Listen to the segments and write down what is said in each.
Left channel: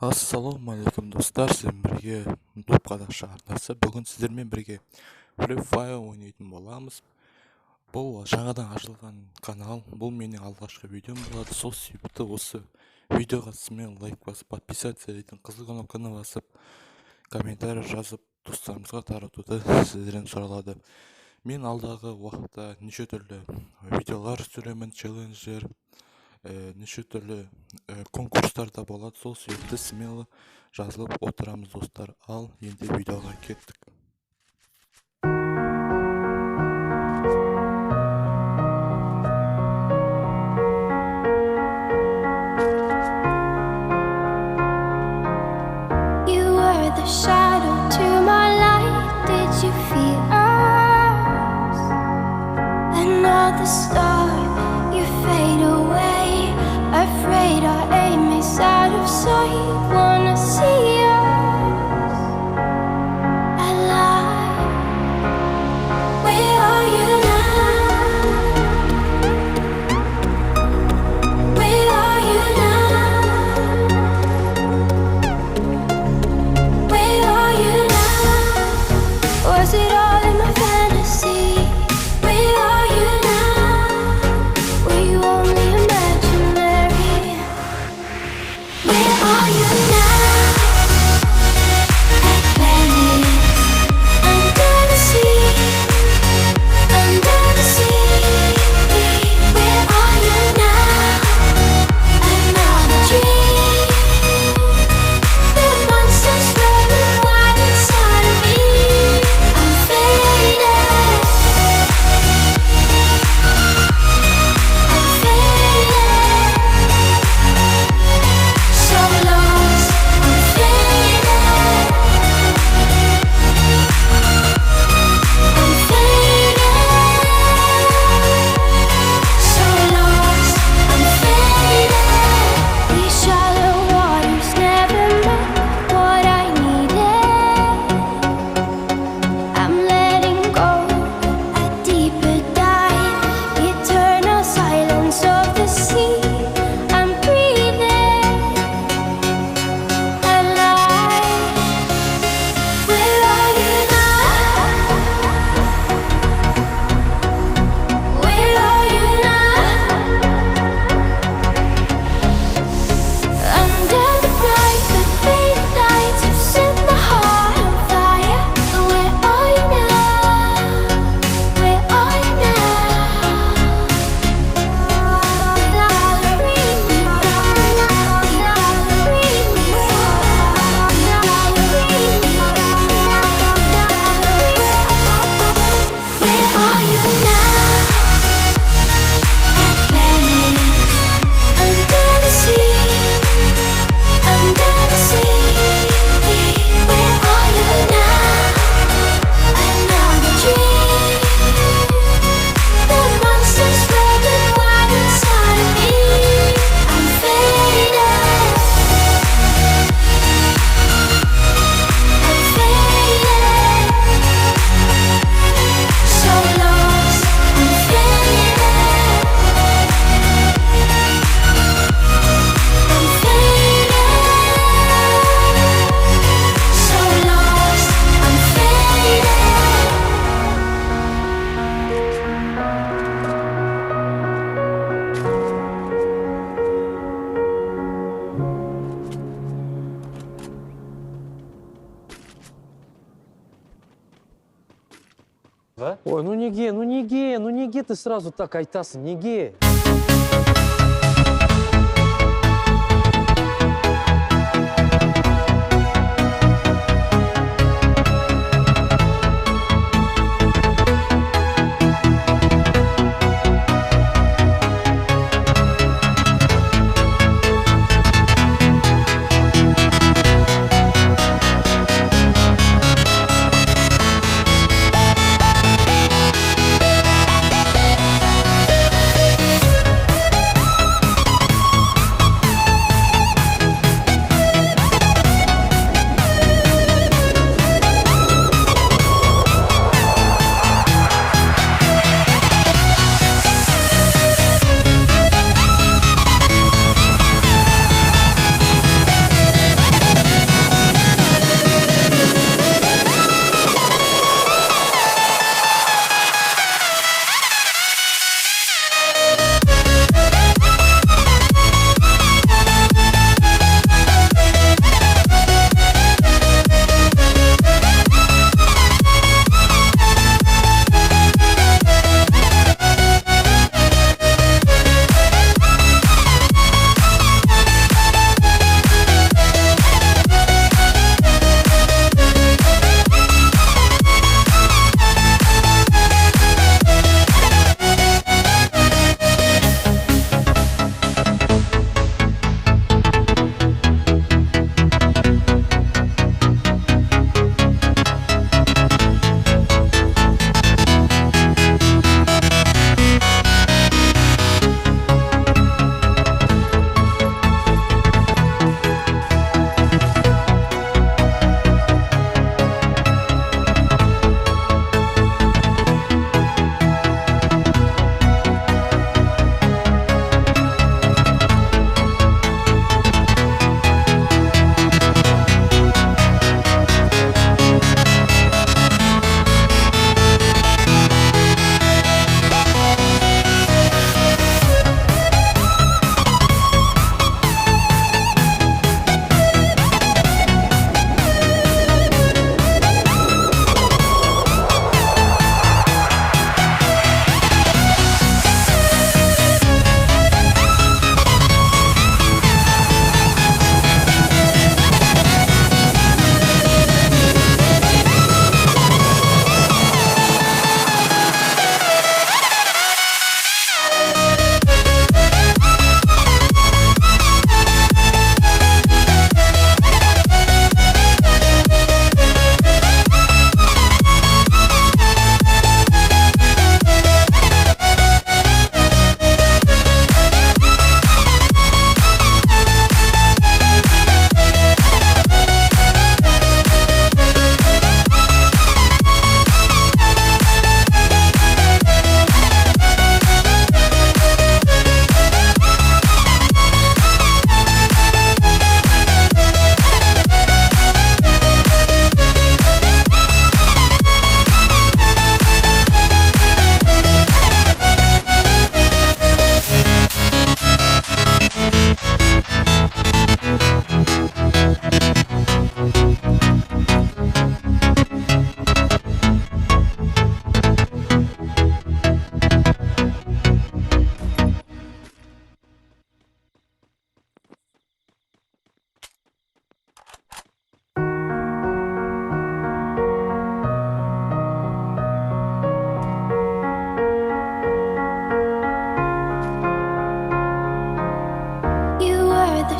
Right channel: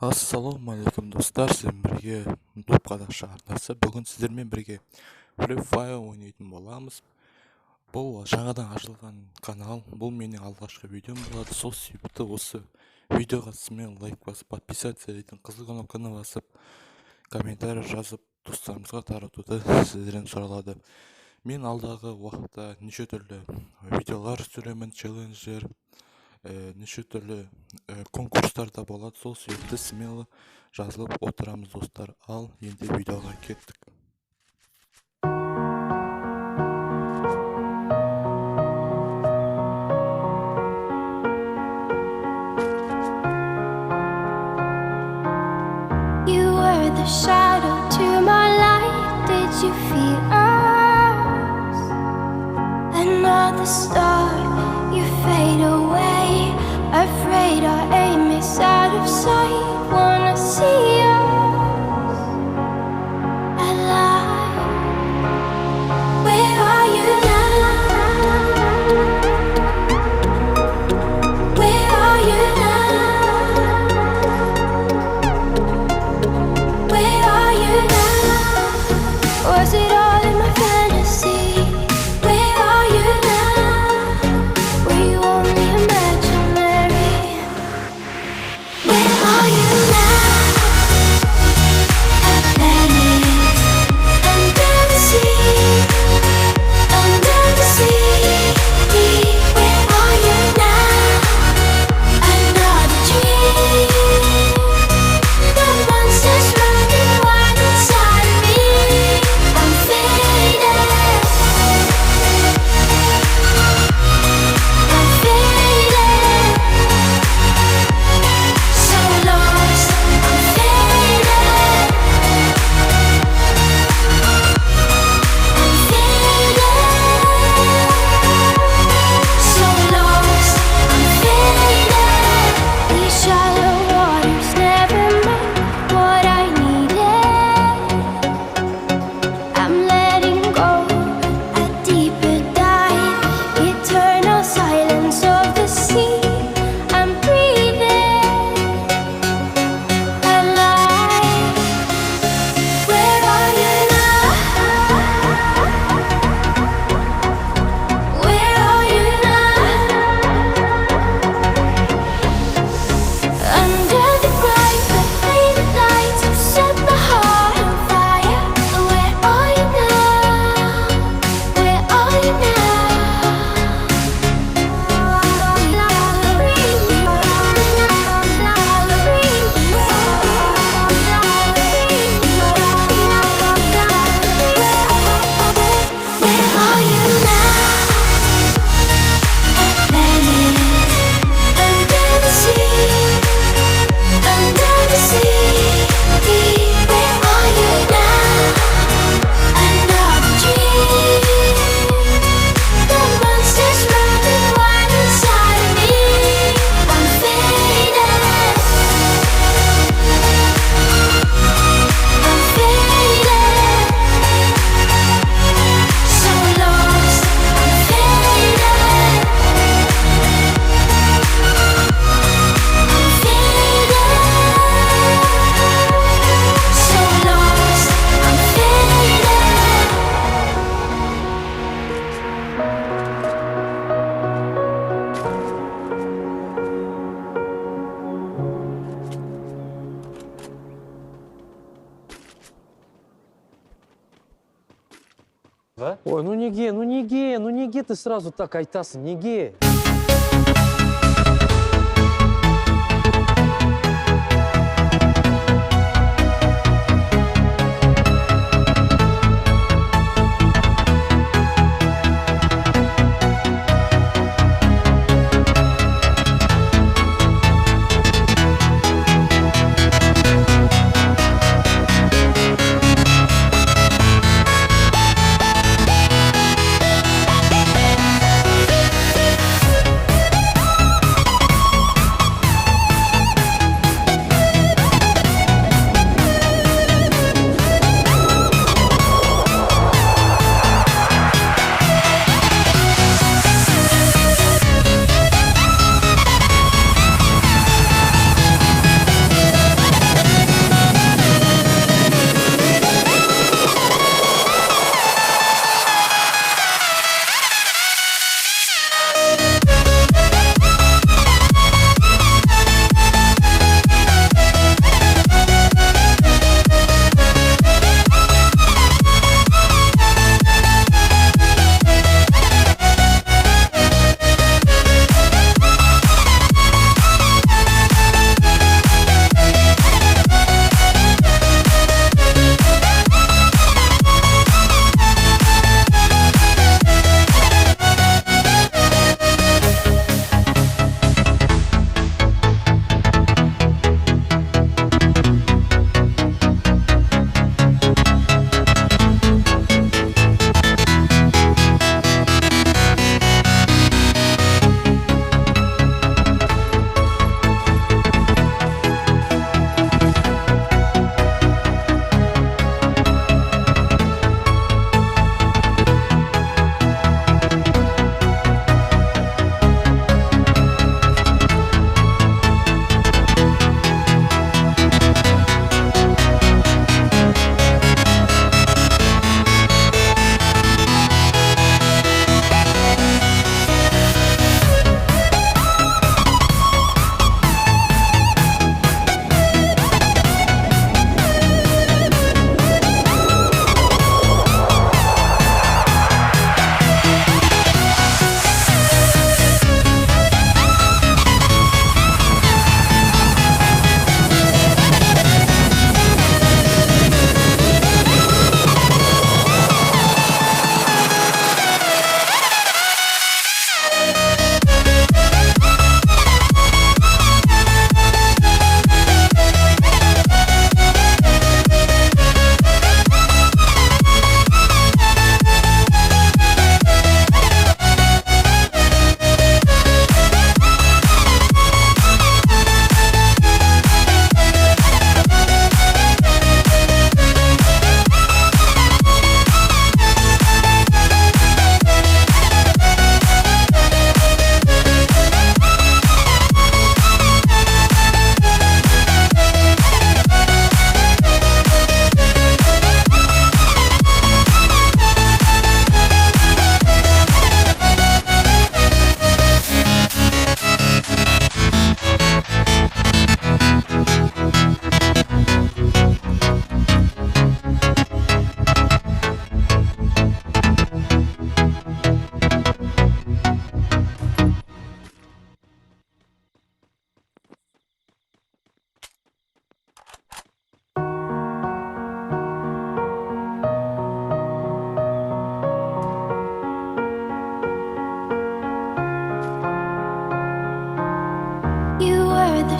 Ассалаумағалейкум достар, сіздермен бірге доп қазақша арнасы. Бүгін сіздермен бірге Free Fire ойнайтын боламыз. Бұл жаңадан ашылған канал, бұл менің алғашқы видеом болады. Сол себепті осы видеоға сізмен лайк басып, подписаться етін, қызыл кнопканы басып, комментарий жазып, достарымызға таратуды сіздерден сұралады. Мен алдағы уақытта неше түрлі видеолар түсіремін, челленджер, неше түрлі конкурстарда болады. Сол себепті смело жазылып отырамыз достар. Ал енді видеоға кеттік. You were the shadow to my light. Did you feel us? Another star, you fade away. Afraid our aim is out of sight. Wanna see us alive. Where are you now? Where are you now? Where are you now? Was it all in my fantasy? Where are you now? Were you only imaginary? Where are you now? Atlantis, under the sea, under the sea. Where are you now? Another dream. The monsters running wild inside of me. I'm faded. I'm faded. So lost. I'm faded. I'm faded. So lost. I'm faded. These shallow waters never met what I needed. I'm letting go a deeper dive. Eternal silence of the sea. I'm breathing alive. Where are you now? Where are you now? Under the bright but faded lights, you set my heart on fire. Where are you now? Where are you Where are you now? Atlantis, under the sea, under the sea. Where are you now? Another dream. The monsters running wild inside of me. I'm faded. I'm faded. So lost. I'm faded. I'm faded. So lost. I'm faded. Ой, ну неге ты сразу так айтасың, неге?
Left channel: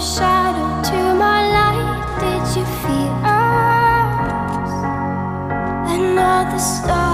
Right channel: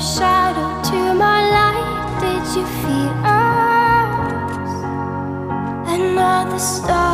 shadow to my light. Did you feel us? Another star.